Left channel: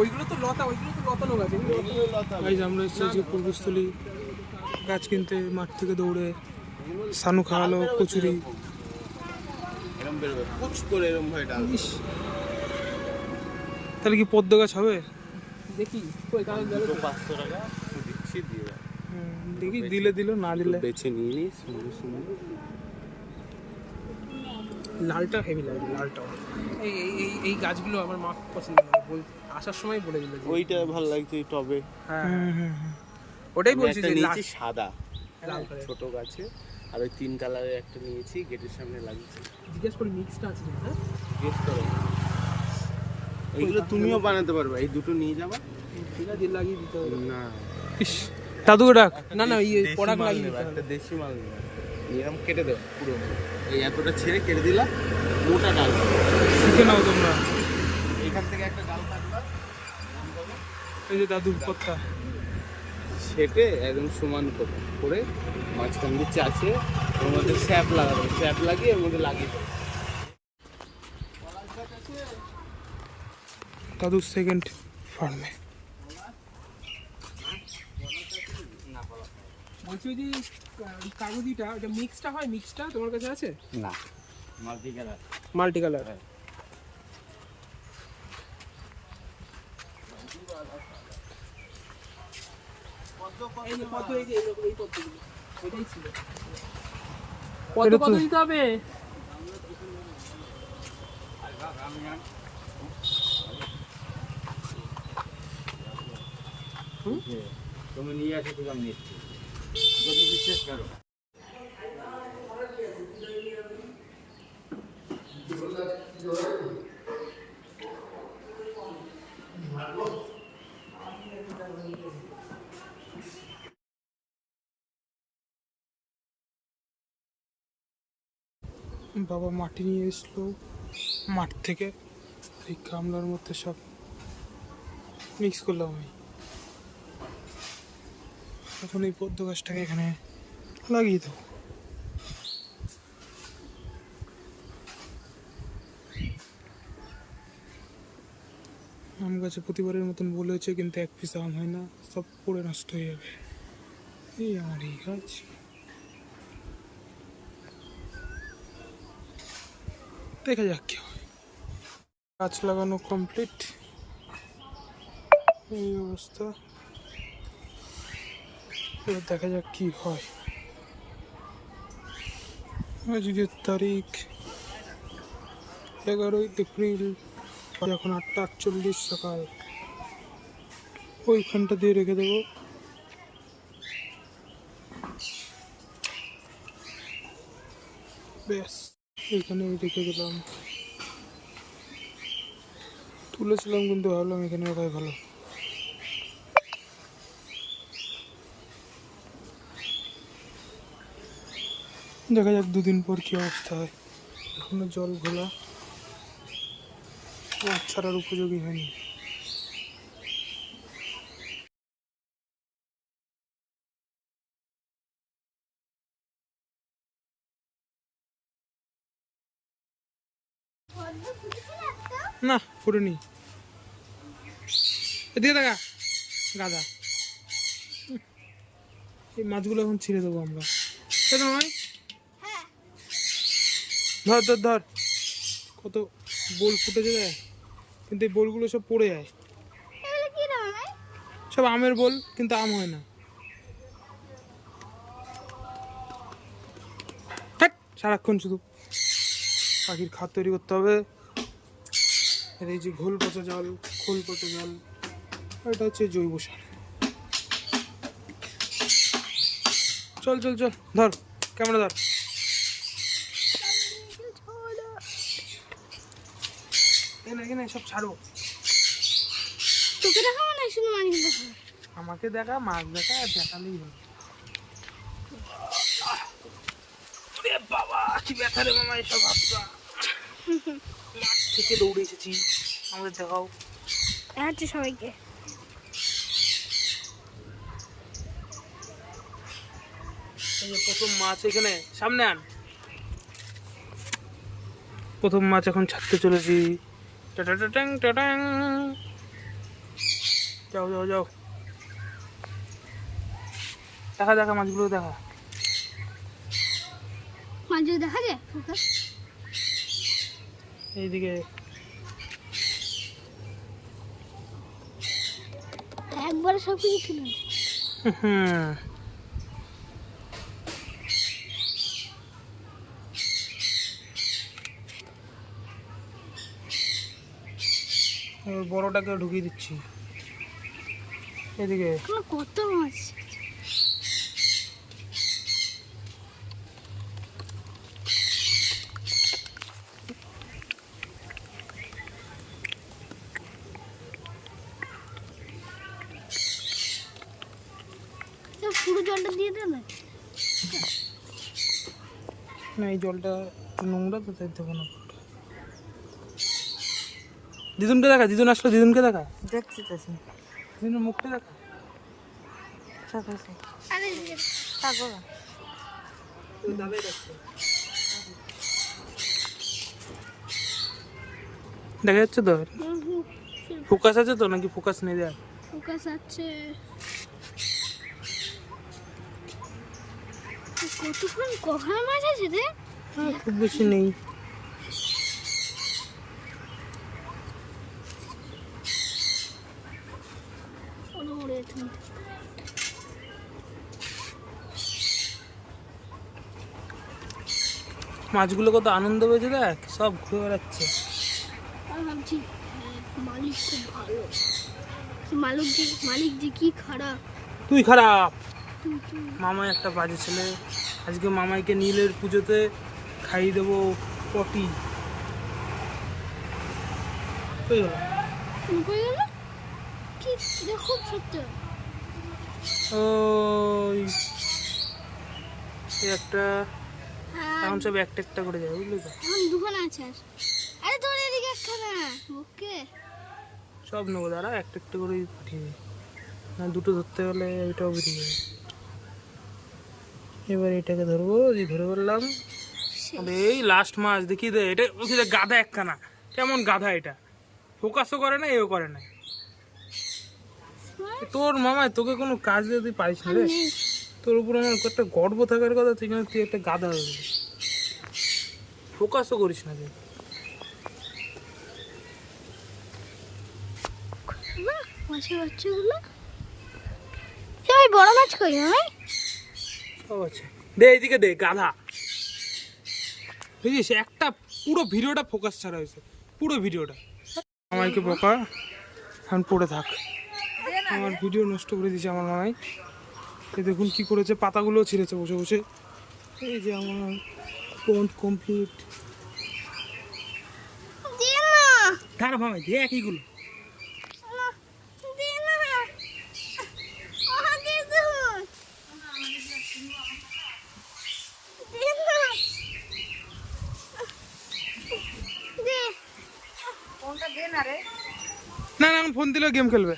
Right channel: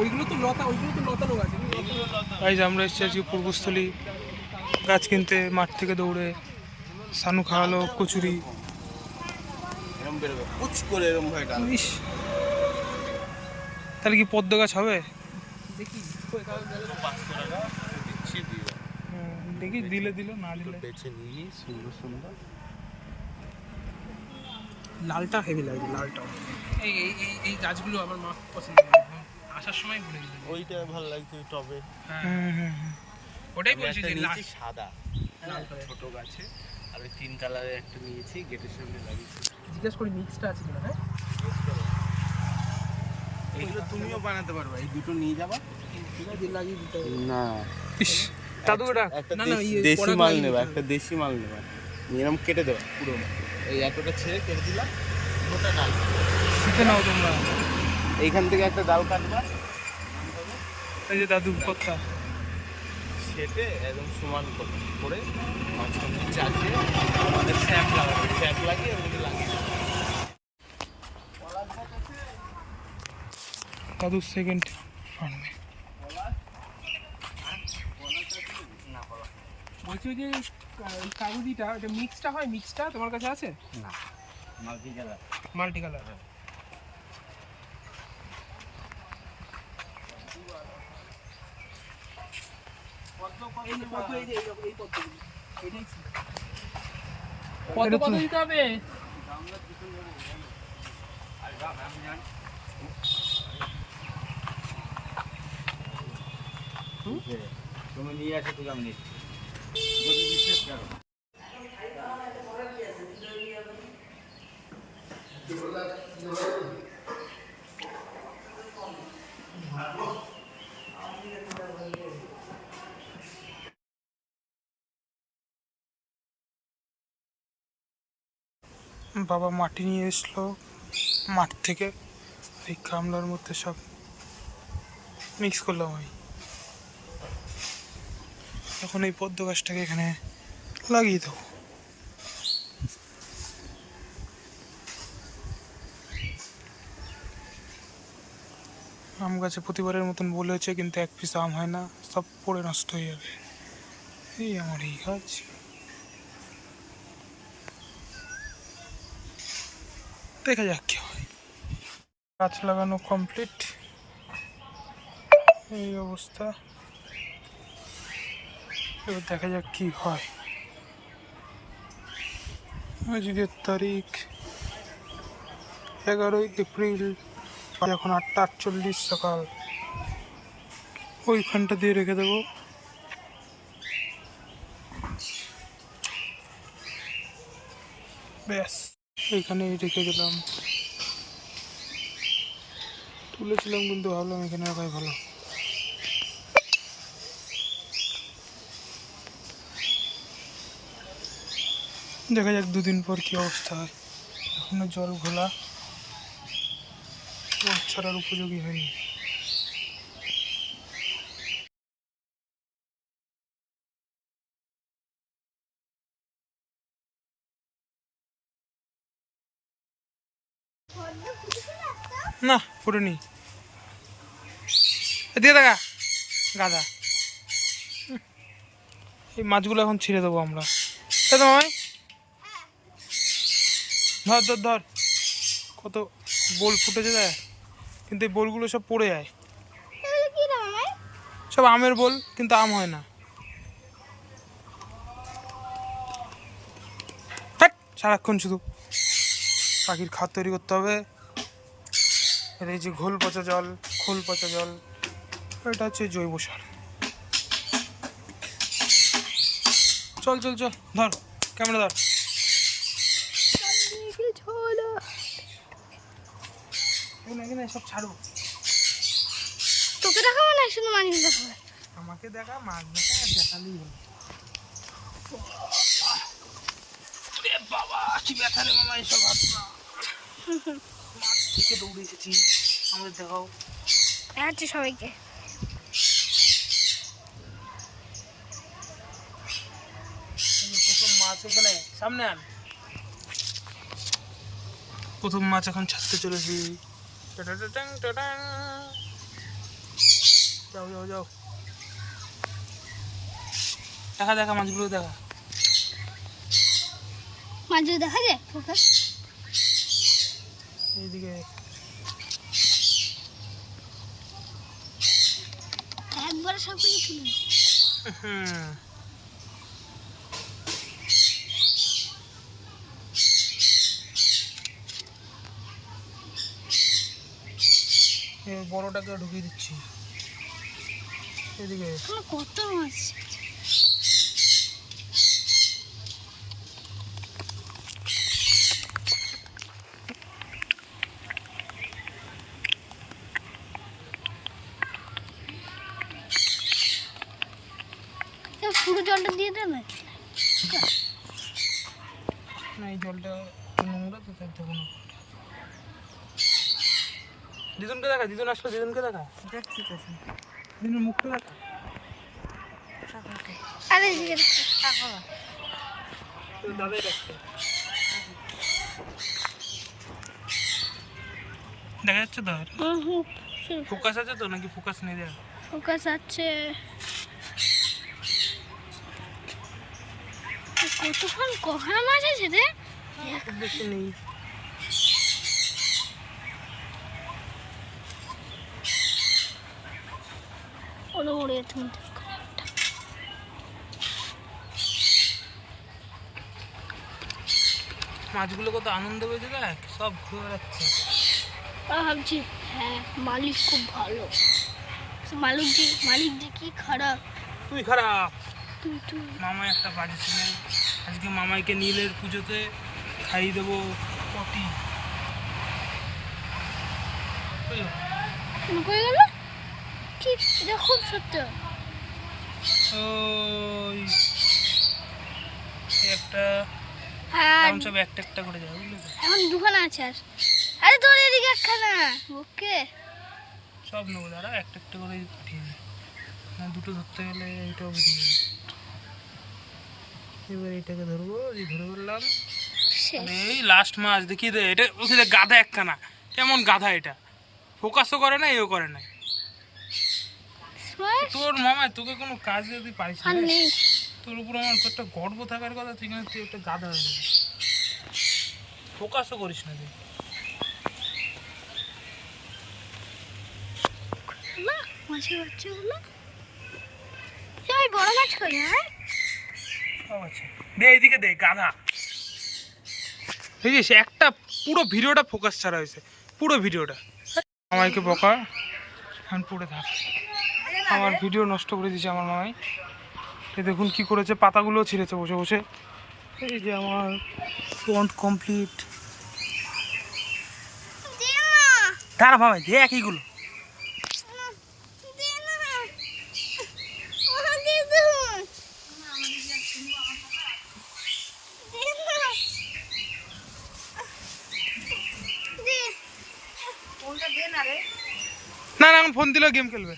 ওইগুলো তো লতানো গাছ। গাইজ আমরা এসেছি আজকে পূর্বস্থলী গাছ কিনতে, মাঠ থেকে দৌড়ে সানু খাওয়ালো কচুরি। ইস, তাহলে কি পদ্ম গাছ হবে? দেখি দেখি দিলে দিল, না দিলে বেছে নিয়ে সুন্দর সুন্দর। লালটা হেভি লাগবে, লালটা। এই এই এই এই গাছগুলো আমার মা পছন্দ করে, আসার সময় বলে দিল ওইটা ভালো লাগছে টবে। হ্যাঁ, ওটাই বলছি যে নিয়েছি সাদা লাল কালার ছোট গাছে, আর ওই 3 কালারের একটা নিয়েছি, গেটের সামনে লাগিয়েছি। জিজ্ঞেস করি মিক্সটা আছে কিনা। হ্যাঁ, এগুলো তুমিও বানাতে পারবে, এই দুটো নিয়ে যাবা। ঠিক আছে, লাগিয়ে দিতে হবে। না ইস, দাদুকে ডাক। না না, দেশি মাল নেবে, একটা দেশি মাল নেবে, এরকম কেটে দেবা পুরো। এই এতটা ছেড়ে কেটে দিলাম, মোটা ডাল শিখে নাও তোমরা। এইখান থেকে একটা ডাল কাটবা, এই যে দাদু কথা ছেটে একদম সমান করে মাঝখান দিয়ে চাষে আমাদের স্যাপ লাগাবে, স্যাপ লাগিয়ে ওই লাগিয়ে দেবে। দাদু সেকেন্ড ফার্মে। বলছি ওই যে কাগজিটা, এটা মিক্সটা হয়, মিক্সটা তোমার কাছে আছে? না, মাল্টি কালার। এই যে পদ্ম, এই যে এইরকম এই পদ্মগুলো, এটাই ছিল। পদ্ম কত দিতে হবে? তুমি নিয়ে আসো, ঠিক আমি নিচ্ছি, যদি বিশ্বাস করো। বাবা মাটি নিয়ে এসলো মাঠ থেকে, এই গামলার মধ্যে সব মিক্স করলাম আমি। এখন এই পদ্ম গাছটাকে এখানে লাগিয়ে দেবো। আম গাছে প্রতিবারের মতন বলেছে, কিন্তু এক পিস আম হয় না, সব পড়ে নষ্ট হয়ে যাবে। এই আমার এই গাছ। দেখা যাক কি হয়। গাছ লাগানো কমপ্লিট, এই অবস্থা। এবার দেখা যাক কি হয়। আজকের তারিখ 11 এপ্রিল, এখন 8:48 সকাল। ওইখানটা দিয়ে রেখে দেবো। ব্যাস, এইখানেই রেখে দিলাম। তুলেছিলাম কিন্তু ভাবলাম এখানে রাখাই ভালো। দেখা যাক 2 দিন পর কি অবস্থা হয়। এখনো জল ঘোলা, মাছ ছাড়ার উপযোগী হয়নি। না ফুটেনি, দিয়ে দেখা গাদা। এই মাছগুলো এখন ছিঁড়ে দেবো আমরা, তাই তো নয়? ধর ধর ধর, কত বোল ফুটেছে দেয়, কিন্তু এই বোলগুলো সব পড়ে যায়। সব আমের বোল, কিন্তু আম হয় না। সারাক্ষণ শুধু পাখির খাদ তৈরি করতে হবে। এই যে খোল পচা জল, এটা হচ্ছে জৈব সার। চল চল চল, ধর ক্যামেরা ধর। এখানে সব ছাড়ো। তোকে দেখাবো না, শুধু মাছ দেখাবো। আমাকে দেখা, মাছ দেখা, দেখালেই হলো। বাবা কি ব্যথা রে মামা, এসব হাতটা। মাঠ থেকে দৌড়ে এসেছি, আমাদের দেখাও। দেখাচ্ছি সবাইকে। প্রথম মাছ এখানে, সামনে আন। প্রথম মাছ এখন ছাড়তে চলেছি। যাও যাও যাও, দেখা দেখা মাছগুলো দেখা। মাঝে দেখা যায় ফোকাস। এইদিকে একবারে সব কিছু তুলে নে। হুম, এই বড়টাকে ঢুকিয়ে দিচ্ছি এদিকে। এখনো কত মাছ। পুরো জলটা দিয়ে দেবে। না এই জলটা একটু নোংরা তো, তাই দেবো না। দিদুনকে দেখা, দিদুন আসলো, দিদুনকে দেখা, দেখছি তো দিদুনের মুখটা দেখা। আরে এদিকে দেখো। দাদাই দেখছে, দেখা যাচ্ছে তো? ফোকাস আছে তো নাকি ফোকাস নেই? দেখ ফোকাস আছে। কতক্ষণ কখা মাছ আছে রে? খুব বেশি নেই। ওরে ওরে তুমি মাছগুলো কত আনন্দ পেয়েছে, দেখ সব ঘুরে বেড়াচ্ছে। ভাবছি হ্যাঁ মালিক খুব ভালো। মালিক যে কি খারাপ। তুই খারাপ। তুই মামাই একটা বাজে ছেলে। আজকে মামাইকে নীলের পুজোতে খাইয়ে দেবো পটি। এই হলো। কই গেল? কি এটা খুব সত্য। ওই এই একটা আর এখন সব একটা একটা করে যাবে, বুঝলি তো? এখন দুখানা আছে আর। আরে তোর এদিকে একখানা। ওকে সব নেবো, দাঁড়া একটা একটা করে পাঠিয়ে দেবে। না দুটো ধরতে গেলে ওইটাও বেরিয়ে যাবে। এবার এটাকে ধরবো, এই ধরে বললাম। এই লাস্ট মাছ দেখিয়ে দে, এটা ওকে দে, গাধা একখানা। কেমন গাধা এটা, ফোকাসও করে না, এও করে না। তোর মামা তোকে কোনো কাজ যদি পাইস আর রে, নেই। তোর উপর আমার একটা গর্ব থাকার কথা, তুই কিন্তু তুই একটা গাধা হয়ে গেলি। ফোকাসও করিস না তুই। না মাছের বাচ্চাগুলো এই বড় মাছ কই না? ও আচ্ছা, দে এইদিকে দে গাধা। বুঝিস একটা পুরো ভিডিওটা ফোকাস ছাড়া হয়েছে, পুরো ভিডিওটা। মামাইকে বকা, এখন পড়ে থাক। আমার ভিডিও নষ্ট করে দিয়েছে আমার মামাই। এ দেখুন কি করেছে, পাতাগুলোও ছিঁড়েছে বসে বসে। এই যে আমার পন্ড কমপ্লিট। তার মামাই দেখ এইগুলো। না না, এখন ফোন দিলেও গেম খেলবে।